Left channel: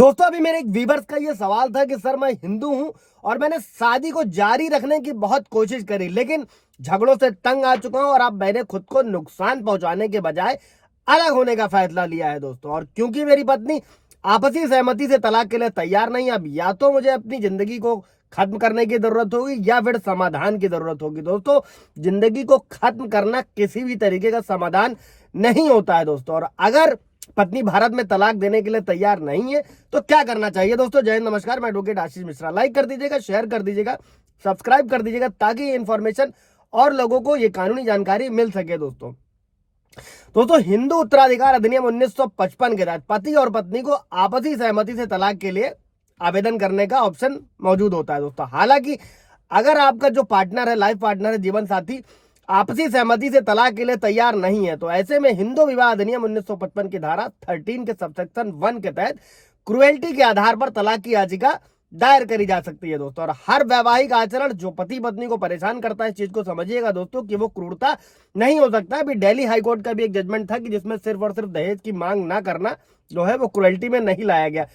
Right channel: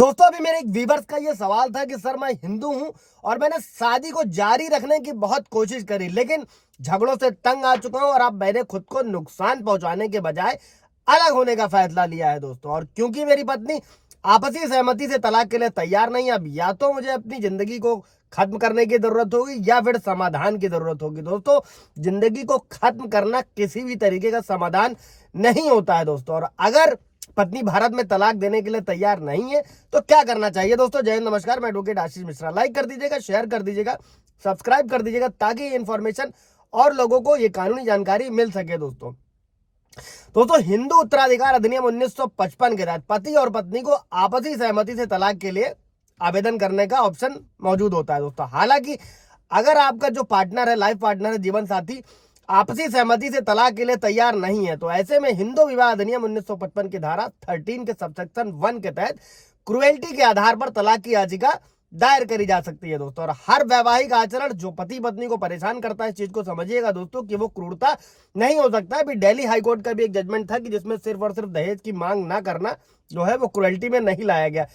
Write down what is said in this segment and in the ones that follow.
दोस्तों अभी मेरे एक व्यूअर्स का ये सवाल था कि सर मैं हिंदू हूं और मैंने शादी को जारी रखने की बहुत कोशिश करी, लेकिन झगड़ों से तंग आ चुका हूं और अब मैंने खुद को नुकसान पहुंचाने के बजाय अलग होने का फैसला लिया है दोस्तों। और क्योंकि मेरी पत्नी आपसी सहमति से तलाक के लिए तैयार नहीं, अब या तो मुझे अपनी जिंदगी को खत्म करने की जरूरत होगी या फिर समाधान की जरूरत होगी। दोस्तों जिंदगी को खत्म करना किसी भी तरीके का समाधान नहीं होता है दोस्तों। और अगर पत्नी भारत में तलाक देने के लिए तैयार नहीं है तो क्या करना चाहिए दोस्तों। जय हिंद, नमस्कार, मैं एडवोकेट आशीष मिश्रा। लाइक कर दीजिएगा, शेयर कर दीजिएगा, सब्सक्राइब कर दीजिएगा ताकि ये इन्फॉर्मेशन और लोगों को ये कानूनी जानकारी मिल सके दोस्तों हिंदू उत्तराधिकार अधिनियम 1955 के तहत पति और पत्नी को आपसी सहमति से तलाक के लिए आवेदन करने का ऑप्शन मौजूद होता है दोस्तों। हालांकि अगर आपका जो पार्टनर है, लाइफ पार्टनर है, जीवन साथी आपसी सहमति से तलाक के लिए तैयार नहीं है तो ऐसे में हिंदू विवाह अधिनियम 1955 की धारा 13 के सबसेक्शन 1 के तहत क्रुएल्टी के आधार पर तलाक की याचिका दायर करी जा सकती है दोस्तों। और हर वैवाहिक आचरण जो पति पत्नी को परेशान करता है, इस चीज को समझिएगा दोस्तों कि वो क्रूरता नहीं हो सकता। अभी दिल्ली हाईकोर्ट का भी एक जजमेंट था कि जिसमें सिर्फ और सिर्फ दहेज की मांग ना करना जो है वो क्रुएल्टी में नहीं लाया गया।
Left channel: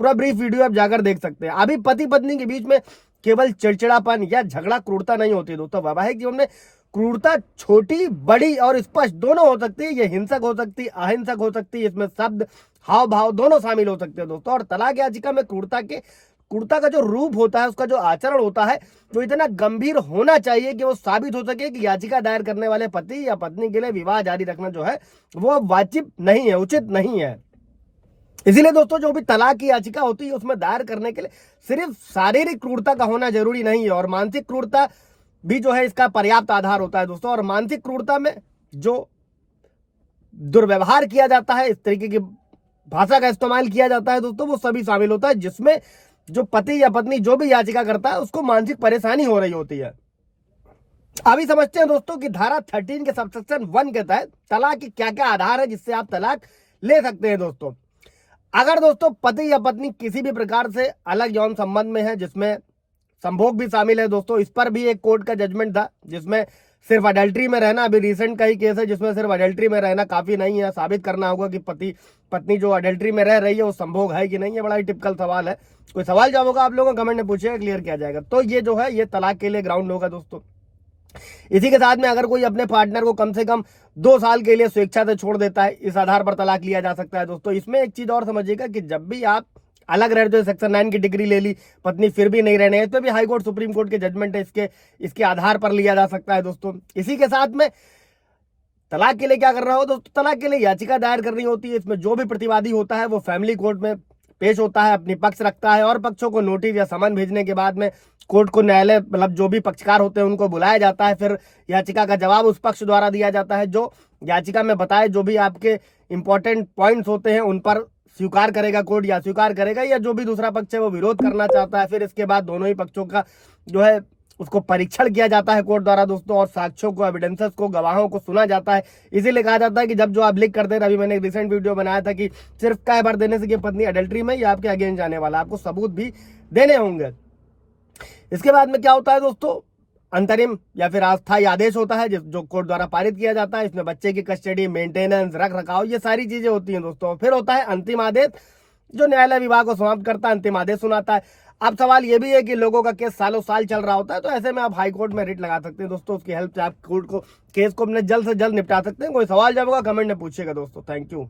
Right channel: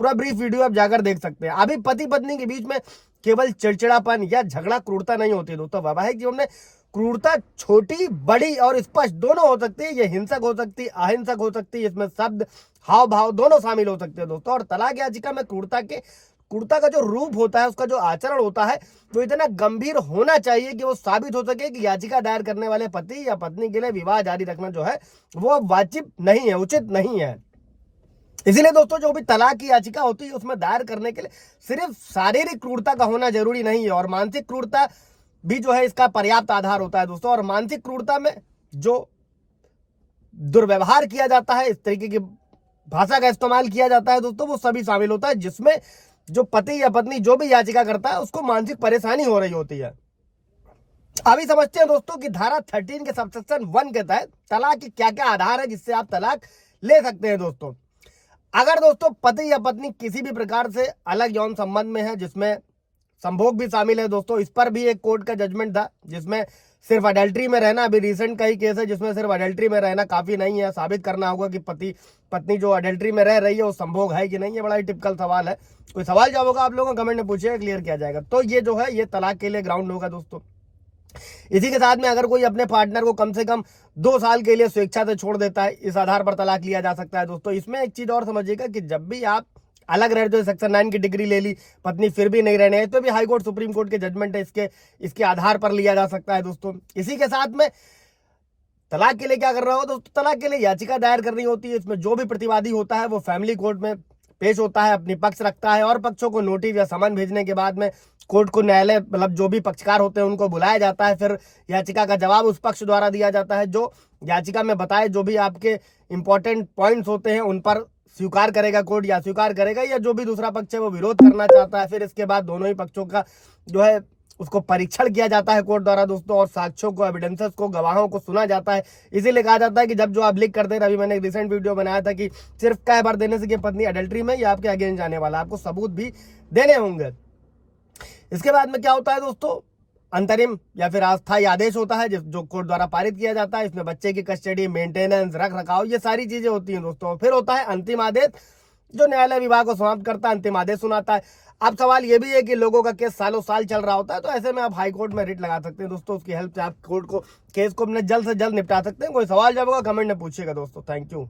पूरा ब्रीफ वीडियो आप जाकर देख सकते हैं। अभी पति पत्नी के बीच में केवल चिड़चिड़ापन या झगड़ा क्रूरता नहीं होती दोस्तों। वैवाहिक जीवन में क्रूरता छोटी, बड़ी और स्पष्ट दोनों हो सकती है। ये हिंसक हो सकती है, अहिंसक हो सकती है, इसमें शब्द, हाव भाव दोनों शामिल हो सकते हैं दोस्तों। और तलाक याचिका में क्रूरता का जो रूप होता है, उसका जो आचरण होता है वो इतना गंभीर होना चाहिए कि वो साबित हो सके कि याचिका दायर करने वाले पति या पत्नी के लिए विवाह जारी रखना जो है वो वाजिब नहीं है, उचित नहीं है। इसीलिए दोस्तों जो भी तलाक की याचिका होती है उसमें दायर करने के लिए सिर्फ शारीरिक क्रूरता का होना जरूरी नहीं है और मानसिक क्रूरता भी जो है इसका पर्याप्त आधार होता है दोस्तों। और मानसिक क्रूरता में जो दुर्व्यवहार किया जाता है, इस तरीके की भाषा का इस्तेमाल किया जाता है दोस्तों, वो सभी शामिल होता है जिसमें जो पति या पत्नी जो भी याचिका करता है उसको मानसिक परेशानी हो रही होती है। अभी समझते हैं दोस्तों कि धारा 13 के सबसेक्शन 1 के तहत तलाक के क्या क्या आधार है जिससे आप तलाक ले सकते हैं दोस्तों। अगर दोस्तों पति या पत्नी किसी भी प्रकार से अलग यौन संबंध में है जिसमें संभोग भी शामिल है दोस्तों, इस पर भी एक कोर्ट का जजमेंट था जिसमें सिर्फ अडल्ट्री में रहना, अभी रिसेंट का ही केस है जिसमें सिर्फ अडल्ट्री में रहना काफी नहीं है, साबित करना होगा कि पति पत्नी जो अडल्ट्री में रह रही है वो संभोग है कि नहीं है। बड़ा ही टिपिकल सवाल है। कोई सवाल जवाब होगा आप लोगों को कमेंट में पूछिएगा, क्लियर किया जाएगा। तो ये जो है ये तलाक के लिए ग्राउंड होगा दोस्तों। इसी के साथ में अगर कोई अपने पार्टनर को कम से कम 2 साल के लिए स्वेच्छा से छोड़ देता है, इस आधार पर तलाक लिया जा सकता है दोस्तों। इसमें एक चीज और समझिएगा कि जब भी आप अलग रह जो सेक्शन 9 की डिग्री ले ली, पत्नी फिर भी नहीं रहने, इस पर भी हाई कोर्ट सुप्रीम कोर्ट के जजमेंट है, इसके आधार पर लिया जा सकता है दोस्तों। इसी के साथ में तलाक के लिए क्या कर रहा हो दोस्तों, तलाक के लिए याचिका दायर करनी होती है। इसमें जो भी प्रतिवादी होता है वो फैमिली कोर्ट में पेश होता है, अपनी पक्ष रखता है और पक्षों को नोटिस या समन भेजने के बाद में कोर्ट को न्यायालय मतलब जो भी पक्षकार होते हैं उनको बुलाया जाता है। फिर याचिका का जवाब उस पक्ष द्वारा दिया जाता है जो याचिका में बताए जो भी आपके इंपॉर्टेंट पॉइंट्स होते हैं उन पर स्वीकार करेगा कोर्ट या स्वीकार करेगा, या जो भी दूसरा पक्ष है वो विरोध करना चाहता है। फिर इसके बाद दोनों ही पक्षों का जो है उसको परीक्षण किया जाता है कोर्ट द्वारा दोस्तों, और साक्ष्यों को, एविडेंसेस को, गवाहों को सुना जाता है। इसीलिए कहा जाता है कि जब जो आप लिख करते हैं, अभी मैंने एक रिसेंट वीडियो बनाया था कि सिर्फ कई बार देने से कि पत्नी अडल्ट्री में या आपके अगेंस्ट जाने वाला, आपको सबूत भी देने होंगे। इसके बाद में क्या होता है दोस्तों, अंतरिम या फिर अस्थायी आदेश होता है जो कोर्ट द्वारा पारित किया जाता है। इसमें बच्चे की कस्टडी, मेंटेनेंस, रख रखाव, ये सारी चीजें होती हैं दोस्तों। फिर होता है अंतिम आदेश जो न्यायालय विभाग को समाप्त करता है, अंतिम आदेश सुनाता है। अब सवाल ये भी है कि लोगों का केस सालों साल चल रहा होता है, तो ऐसे में आप हाई कोर्ट में रिट लगा सकते हैं दोस्तों। उसकी हेल्प से आप कोर्ट को केस को अपने जल्द से जल्द निपटा सकते हैं। कोई सवाल जब होगा कमेंट में पूछिएगा दोस्तों। Thank you.